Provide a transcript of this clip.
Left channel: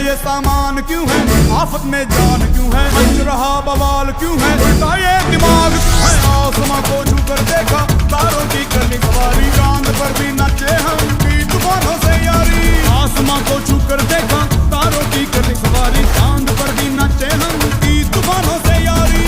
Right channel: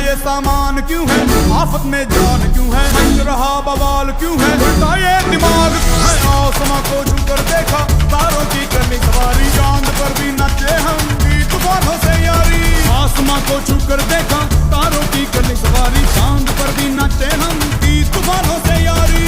ये सामान क्यों है, आफत में जान क्यों है, मच रहा बवाल क्यों है, उल्टा ये दिमाग क्यों है। आसमां को छू कर देखा, तारों की करनी सवारी, चांद पर भी नाचे हम की तूफानों से यारी। आसमां को छू कर देखा, तारों की करनी सवारी, चांद पर भी नाचे हम की तूफानों से यारी।